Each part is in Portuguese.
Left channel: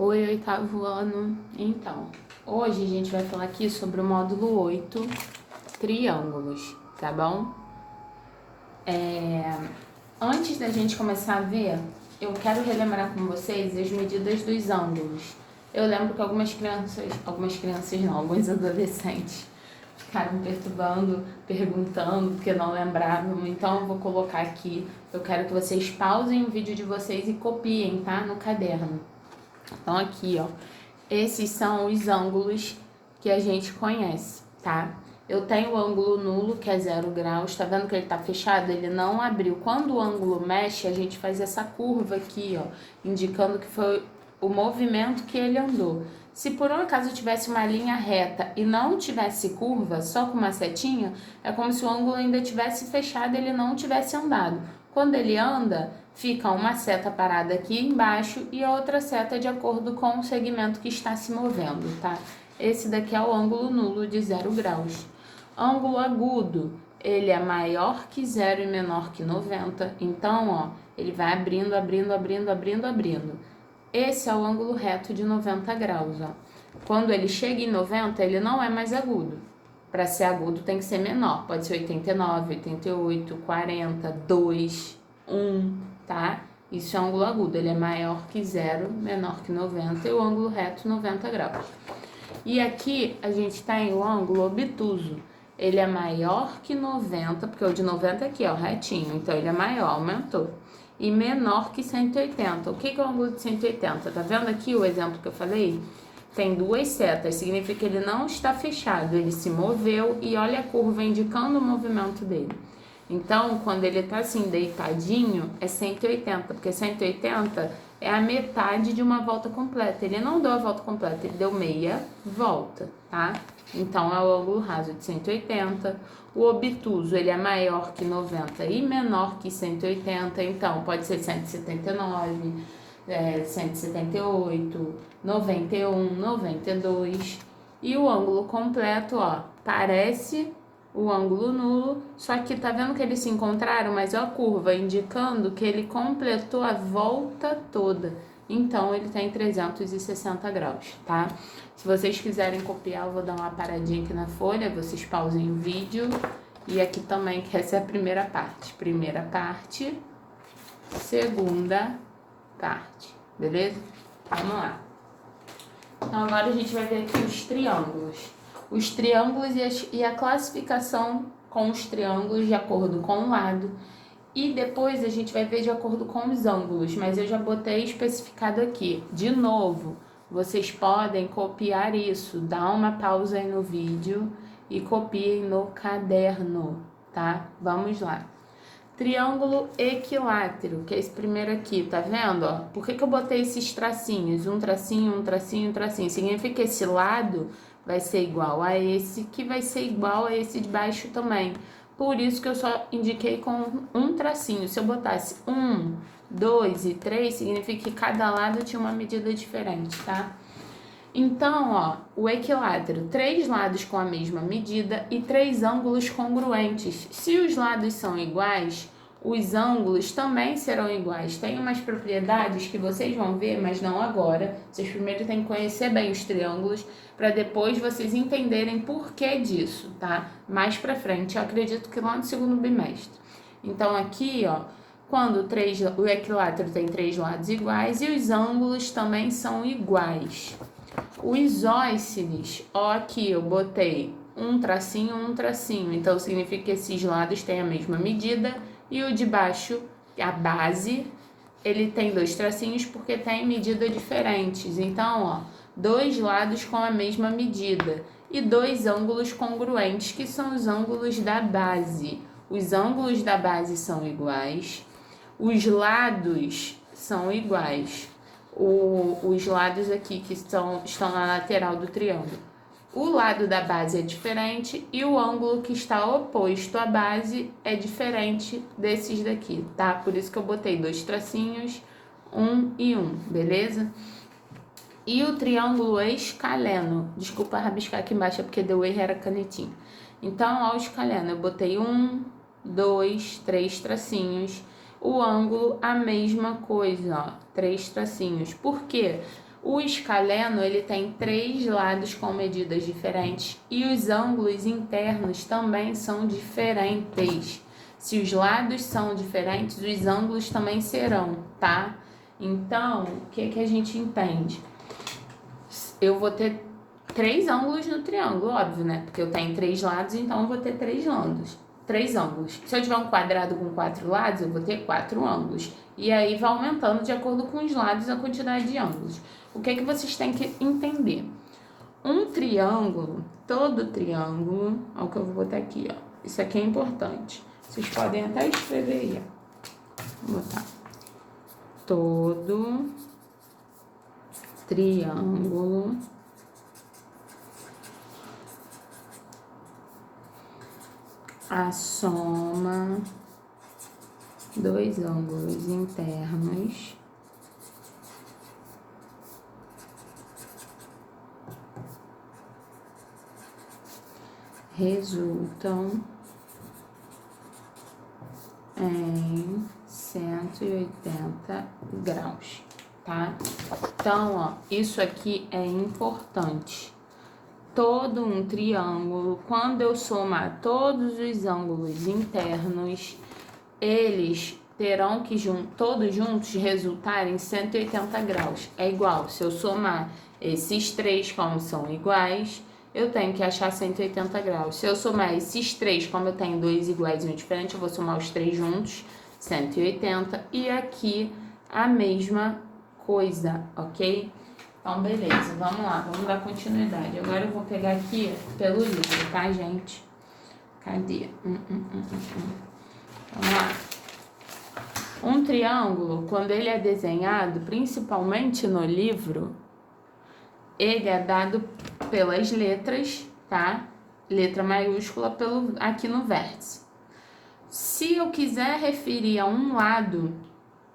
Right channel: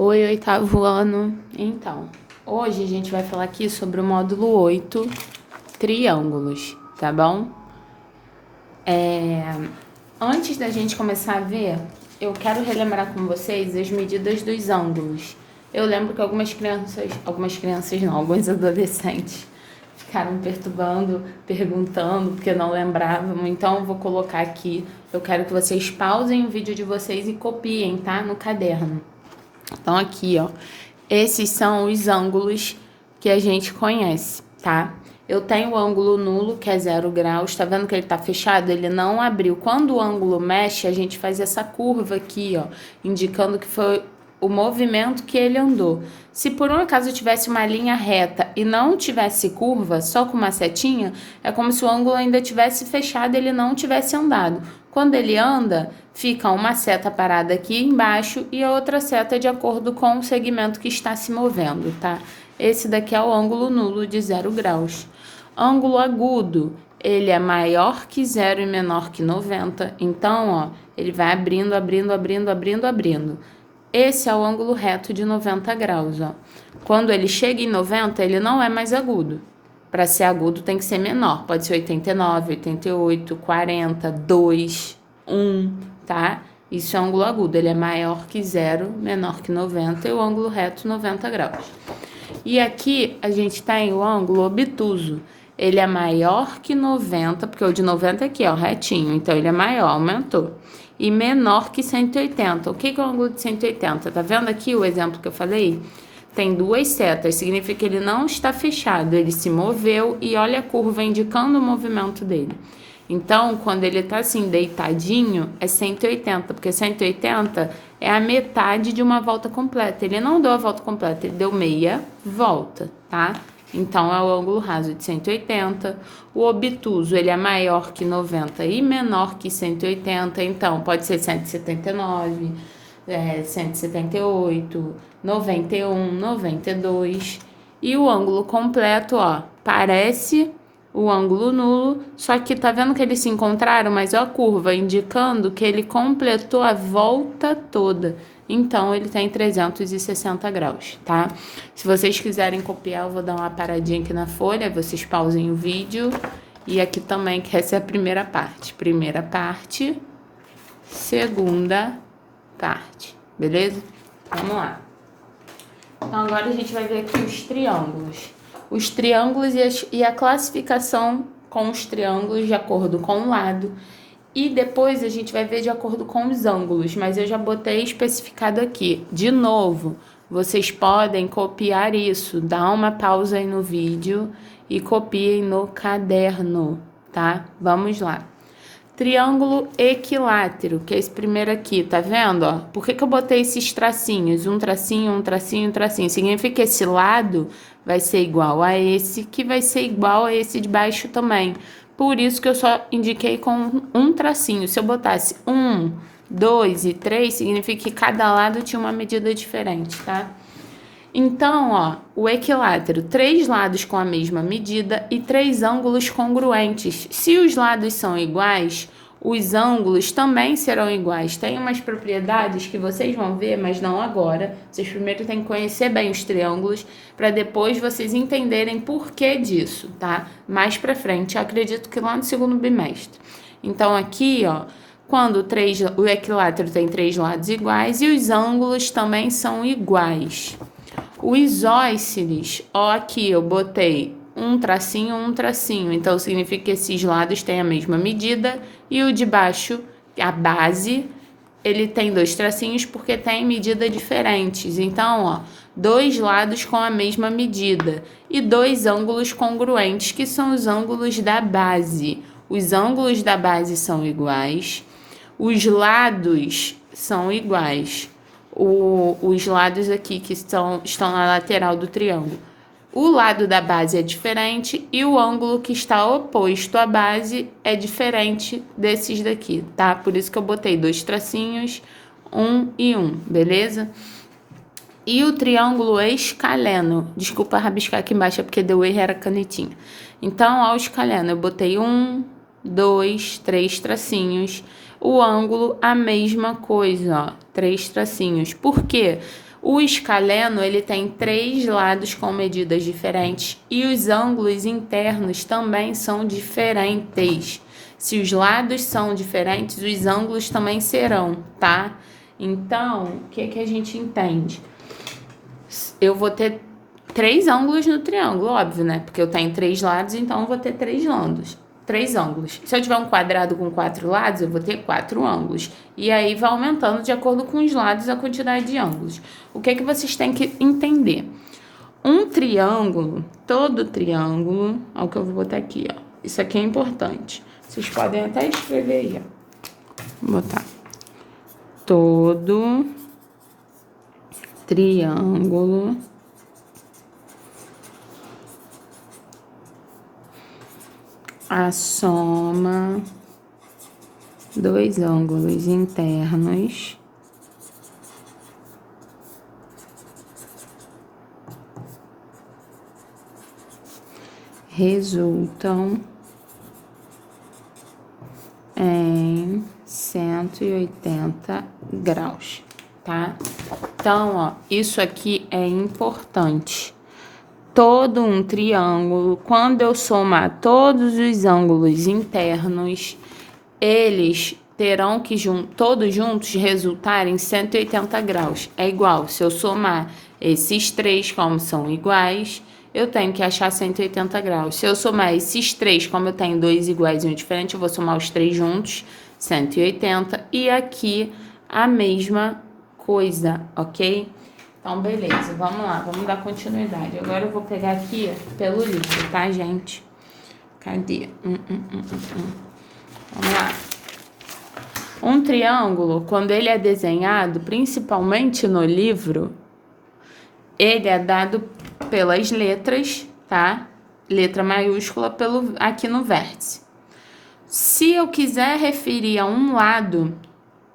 Oi, oitavo ano. Então, hoje a gente vai falar aqui sobre o módulo 8, triângulos, tá bom? Antes da gente começar a ver, eu quero relembrar com vocês as medidas dos ângulos. Eu lembro que alguns adolescentes ficaram me perturbando, perguntando, porque não lembravam. Então, eu vou colocar aqui. Eu quero que vocês pausem o vídeo de vocês e copiem, tá? No caderno. Então, aqui, ó, esses são os ângulos que a gente conhece, tá? Eu tenho o ângulo nulo, que é 0 graus. Tá vendo que ele tá fechado? Ele não abriu. Quando o ângulo mexe, a gente faz essa curva aqui, ó, indicando que foi o movimento que ele andou. Se por um acaso tivesse uma linha reta e não tivesse curva, só com uma setinha, é como se o ângulo ainda tivesse fechado e ele não tivesse andado. Quando ele anda, fica uma seta parada aqui embaixo e a outra seta de acordo com o segmento que está se movendo, tá? Esse daqui é o ângulo nulo de 0 graus. Ângulo agudo, ele é maior que 0 e menor que 90. Então, ó, ele vai abrindo, abrindo, abrindo, abrindo, abrindo. Esse é o ângulo reto de 90 graus, ó. Quando ele chega em 90, ele não é mais agudo. Para ser agudo tem que ser menor. Pode ser 89, 88, 40, 2, 1, tá? Isso é ângulo agudo. Ele é maior que 0, menor que 90 e o ângulo reto 90 graus. E aqui a gente tem o ângulo obtuso. Ele é maior que 90, porque o de 90 aqui é o retinho, então ele é maior, aumentou. E menor que 180. O que é o ângulo de 180? Tá vendo aqui o exemplo que eu falei? Tem duas setas, significa que ele não está fechado, ele se moveu e olha a curva indicando o movimento dele. Então, quando ele tá assim, deitadinho, é 180, porque 180 é a metade de uma volta completa. Ele não deu a volta completa, ele deu meia volta, tá? Então, é o ângulo raso de 180. O obtuso, ele é maior que 90 e menor que 180, então pode ser 179, 178, 91, 92. E o ângulo completo, ó, parece o ângulo nulo, só que tá vendo que eles se encontraram, mas ó a curva indicando que ele completou a volta toda. Então, ele tem 360 graus, tá? Se vocês quiserem copiar, eu vou dar uma paradinha aqui na folha, vocês pausem o vídeo. E aqui também, que essa é a primeira parte. Primeira parte, segunda parte, beleza? Vamos lá. Então, agora a gente vai ver aqui os triângulos. Os triângulos e a classificação com os triângulos de acordo com o lado. E depois a gente vai ver de acordo com os ângulos, mas eu já botei especificado aqui. De novo, vocês podem copiar isso, dá uma pausa aí no vídeo e copiem no caderno, tá? Vamos lá. Triângulo equilátero, que é esse primeiro aqui, tá vendo, ó? Por que eu botei esses tracinhos? Um tracinho, um tracinho, um tracinho. Significa que esse lado vai ser igual a esse, que vai ser igual a esse de baixo também. Por isso que eu só indiquei com um tracinho. Se eu botasse 1, 2 e 3, significa que cada lado tinha uma medida diferente, tá? Então, ó, o equilátero, 3 lados com a mesma medida e 3 ângulos congruentes. Se os lados são iguais, os ângulos também serão iguais. Tem umas propriedades que vocês vão ver, mas não agora. Vocês primeiro têm que conhecer bem os triângulos para depois vocês entenderem por que disso, tá? Mais pra frente, eu acredito que lá no segundo bimestre. Então, aqui, ó, quando o equilátero tem 3 lados iguais e os ângulos também são iguais. O isósceles, ó, aqui eu botei um tracinho, então significa que esses lados têm a mesma medida e o de baixo, a base, ele tem 2 tracinhos porque tem medida diferentes. Então, ó, 2 lados com a mesma medida e 2 ângulos congruentes, que são os ângulos da base. Os ângulos da base são iguais, os lados são iguais. Os lados aqui que estão na lateral do triângulo. O lado da base é diferente e o ângulo que está oposto à base é diferente desses daqui, tá? Por isso que eu botei 2 tracinhos, 1 e 1, beleza? E o triângulo escaleno, desculpa rabiscar aqui embaixo, é porque deu erro, era canetinha. Então, ao escaleno, eu botei 1, 2, 3 tracinhos. O ângulo, a mesma coisa, ó, 3 tracinhos. Por quê? O escaleno, ele tem 3 lados com medidas diferentes e os ângulos internos também são diferentes. Se os lados são diferentes, os ângulos também serão, tá? Então, o que a gente entende? Eu vou ter 3 ângulos no triângulo, óbvio, né? Porque eu tenho 3 lados, então eu vou ter 3 ângulos. 3 ângulos. Se eu tiver um quadrado com 4 lados, eu vou ter 4 ângulos. E aí vai aumentando de acordo com os lados a quantidade de ângulos. O que vocês têm que entender? Um triângulo, todo triângulo, olha o que eu vou botar aqui, ó. Isso aqui é importante. Vocês podem até escrever aí, ó. Vou botar. Todo triângulo a soma dos ângulos internos resultam em 180 graus, tá? Então, ó, isso aqui é importante. Todo um triângulo, quando eu somar todos os ângulos internos, eles terão que todos juntos resultarem em 180 graus. É igual, se eu somar esses 3, como são iguais, eu tenho que achar 180 graus. Se eu somar esses 3, como eu tenho 2 iguais e um diferente, eu vou somar os 3 juntos, 180. E aqui a mesma coisa, ok? Então, beleza, vamos lá, vamos dar continuidade. Agora eu vou pegar aqui pelo livro, tá, gente? Cadê? Vamos lá. Um triângulo, quando ele é desenhado, principalmente no livro, ele é dado pelas letras, tá? Letra maiúscula aqui no vértice. Se eu quiser referir a um lado,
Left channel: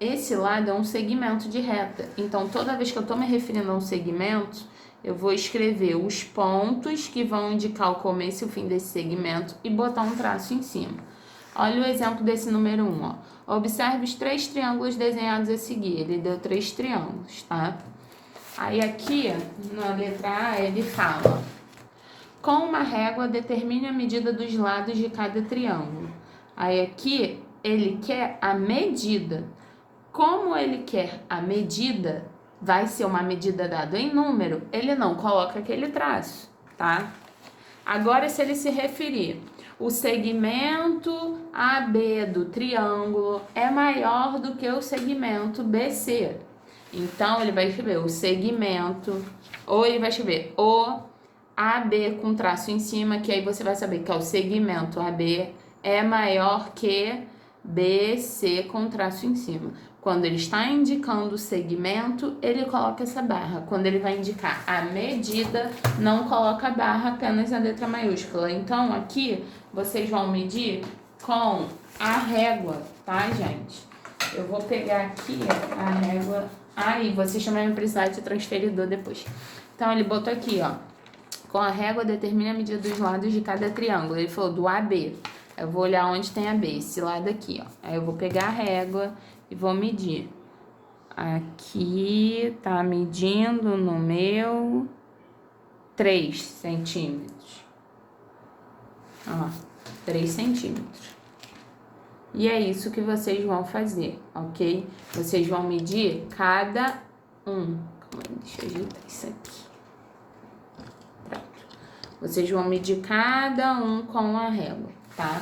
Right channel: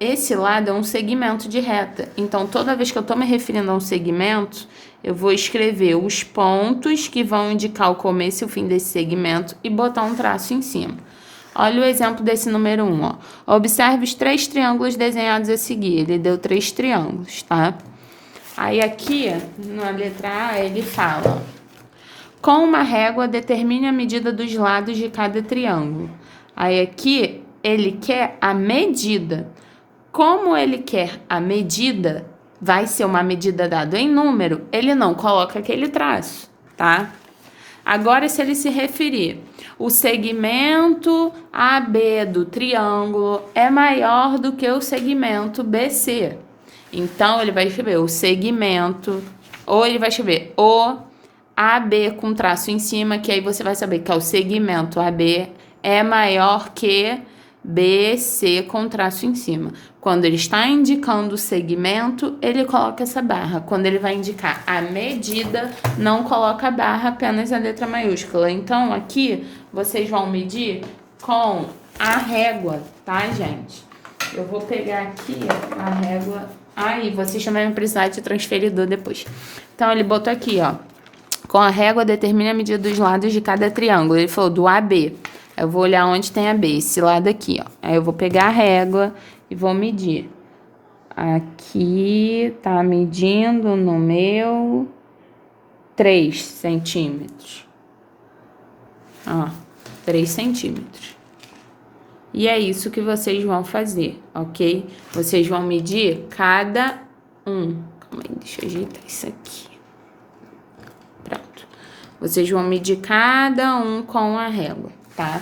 esse lado é um segmento de reta. Então, toda vez que eu estou me referindo a um segmento, eu vou escrever os pontos que vão indicar o começo e o fim desse segmento e botar um traço em cima. Olha o exemplo desse número 1, ó. Observe os 3 triângulos desenhados a seguir. Ele deu 3 triângulos, tá? Aí aqui, na letra A, ele fala: com uma régua, determine a medida dos lados de cada triângulo. Aí aqui, ele quer a medida. Como ele quer a medida, vai ser uma medida dada em número, ele não coloca aquele traço, tá? Agora, se ele se referir, o segmento AB do triângulo é maior do que o segmento BC. Então, ele vai escrever o segmento, ou ele vai escrever o AB com traço em cima, que aí você vai saber que é o segmento AB é maior que BC com traço em cima. Quando ele está indicando o segmento, ele coloca essa barra. Quando ele vai indicar a medida, não coloca a barra, apenas a letra maiúscula. Então, aqui, vocês vão medir com a régua, tá, gente? Eu vou pegar aqui a régua. Aí, vocês também vão precisar de transferidor depois. Então, ele botou aqui, ó. Com a régua, determine a medida dos lados de cada triângulo. Ele falou do AB. Eu vou olhar onde tem a B, esse lado aqui, ó. Aí eu vou pegar a régua e vou medir. Aqui tá medindo no meu 3 centímetros. Ó, 3 centímetros. E é isso que vocês vão fazer, ok? Vocês vão medir cada um. Calma aí, deixa eu ajeitar isso aqui. Pronto. Vocês vão medir cada um com a régua, tá?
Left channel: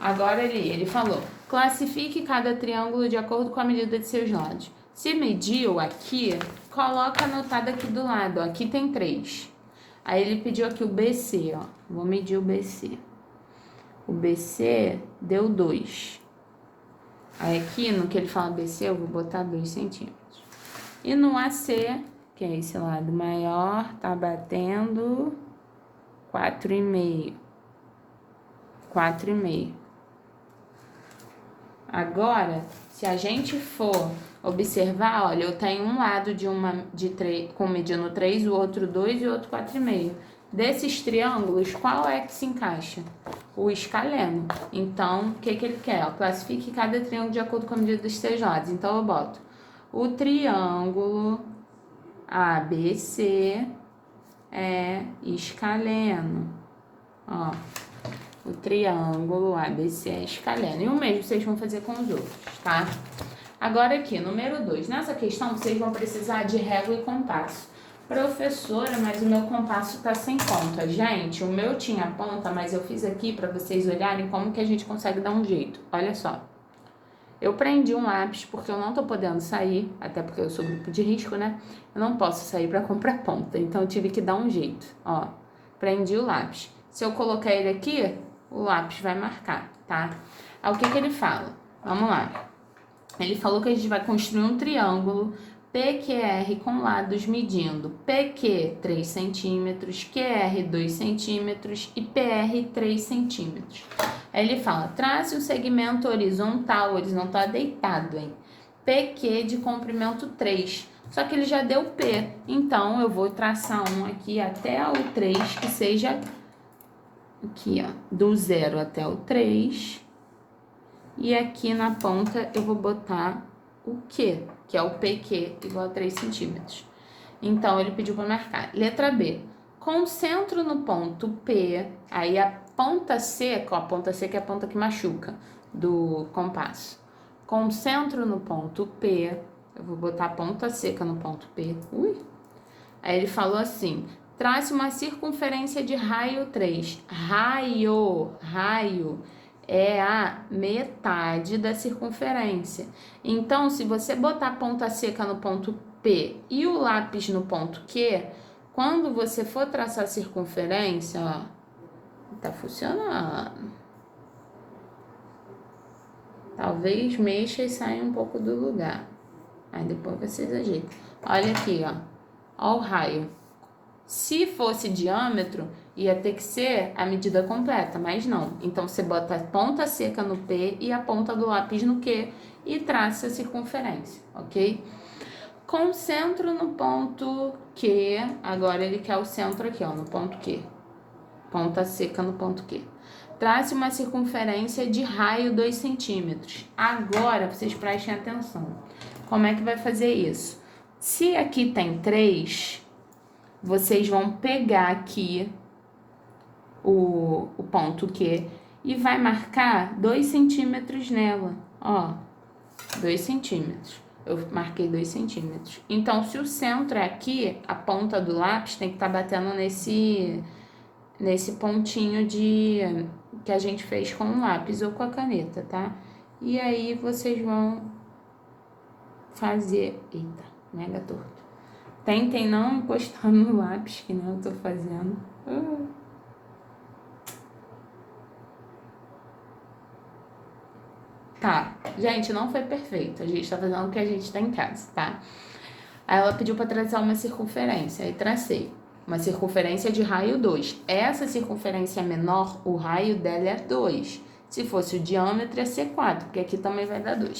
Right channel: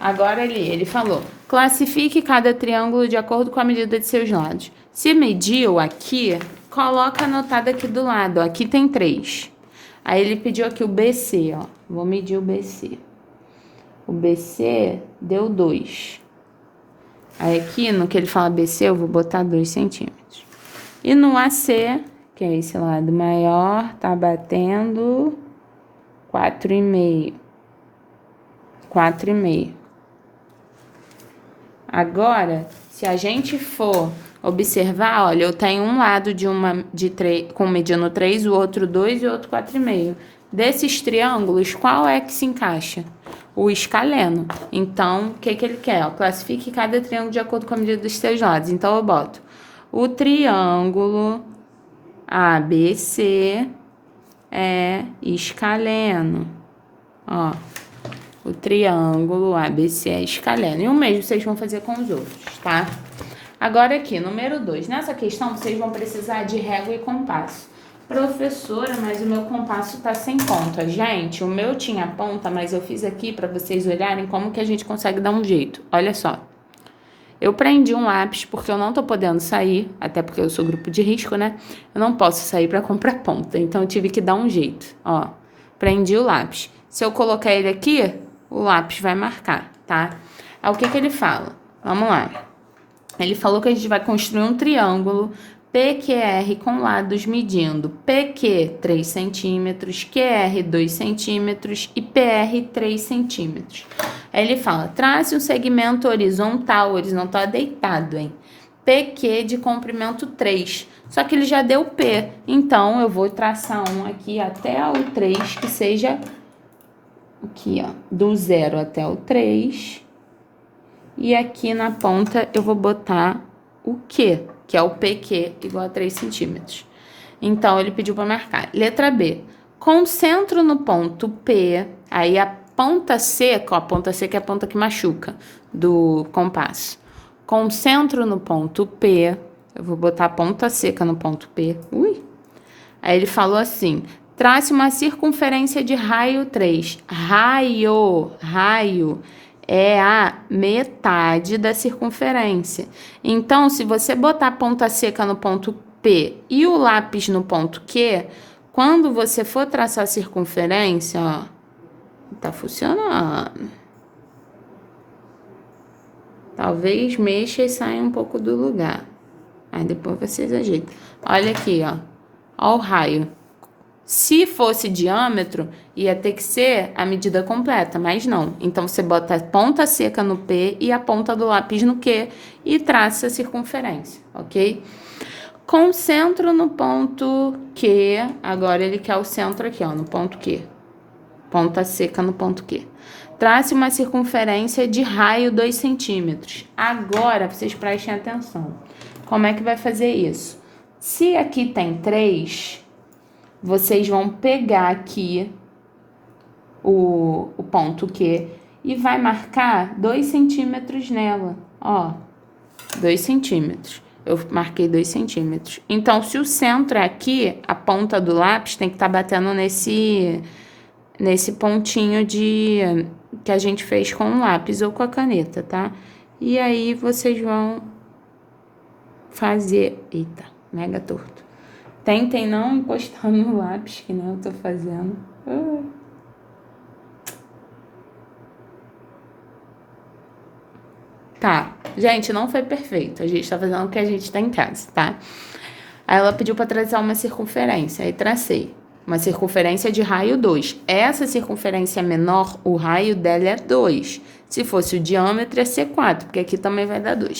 Agora ele falou: classifique cada triângulo de acordo com a medida de seus lados. Se mediu aqui, coloca anotado aqui do lado, ó. Aqui tem 3. Aí ele pediu aqui o BC, ó. Vou medir o BC. O BC deu 2. Aí aqui, no que ele fala BC, eu vou botar 2 centímetros. E no AC, que é esse lado maior, tá batendo 4,5. 4,5. Agora, se a gente for observar, olha, eu tenho um lado de 3, com mediano 3, o outro 2 e o outro 4,5. Desses triângulos, qual é que se encaixa? O escaleno. Então, o que ele quer? Classifique cada triângulo de acordo com a medida dos seus lados. Então, eu boto o triângulo ABC é escaleno. Ó, o triângulo ABC é escaleno. E o mesmo vocês vão fazer com os outros, tá? Agora aqui, número 2. Nessa questão, vocês vão precisar de régua e compasso. Professora, mas o meu compasso tá sem ponta. Gente, o meu tinha ponta, mas eu fiz aqui para vocês olharem como que a gente consegue dar um jeito. Olha só. Eu prendi um lápis porque eu não tô podendo sair, até porque eu sou grupo de risco, né? Eu não posso sair para comprar ponta, então eu tive que dar um jeito. Ó, prendi o lápis. Se eu colocar ele aqui, o lápis vai marcar, tá? Aí o que que ele fala? Vamos lá. Ele falou que a gente vai construir um triângulo PQR com lados medindo PQ 3 centímetros, QR 2 centímetros e PR 3 centímetros. Aí ele fala, trace um segmento horizontal é deitado, hein? PQ de comprimento 3. Só que ele já deu P, então eu vou traçar um aqui até o 3, que seja aqui, ó, do 0 até o 3. E aqui na ponta eu vou botar o Q, que é o PQ, igual a 3 centímetros. Então, ele pediu para marcar. Letra B. Concentro no ponto P, aí a ponta seca, ó, a ponta seca é a ponta que machuca do compasso. Concentro no ponto P, eu vou botar a ponta seca no ponto P. Ui! Aí ele falou assim, trace uma circunferência de raio 3. Raio é a metade da circunferência. Então, se você botar a ponta seca no ponto P e o lápis no ponto Q, quando você for traçar a circunferência, ó, tá funcionando. Talvez mexa e saia um pouco do lugar. Aí depois vocês ajeitam. Olha aqui, ó. Ó o raio. Se fosse diâmetro, ia ter que ser a medida completa, mas não. Então, você bota a ponta seca no P e a ponta do lápis no Q e traça a circunferência, ok? Concentro no ponto Q. Agora, ele quer o centro aqui, ó, no ponto Q. Ponta seca no ponto Q. Trace uma circunferência de raio 2 centímetros. Agora, vocês prestem atenção. Como é que vai fazer isso? Se aqui tem 3... vocês vão pegar aqui o ponto Q e vai marcar 2 centímetros nela, ó, 2 centímetros. Eu marquei 2 centímetros. Então, se o centro é aqui, a ponta do lápis tem que estar batendo nesse pontinho que a gente fez com o lápis ou com a caneta, tá? E aí, vocês vão fazer... Eita, mega torto. Tentem não encostar no lápis, que nem eu tô fazendo. Tá, gente, não foi perfeito. A gente tá fazendo o que a gente tem em casa, tá? Aí ela pediu pra traçar uma circunferência. Aí tracei. Uma circunferência de raio 2. Essa circunferência menor, o raio dela é 2. Se fosse o diâmetro, ia ser 4, porque aqui também vai dar 2.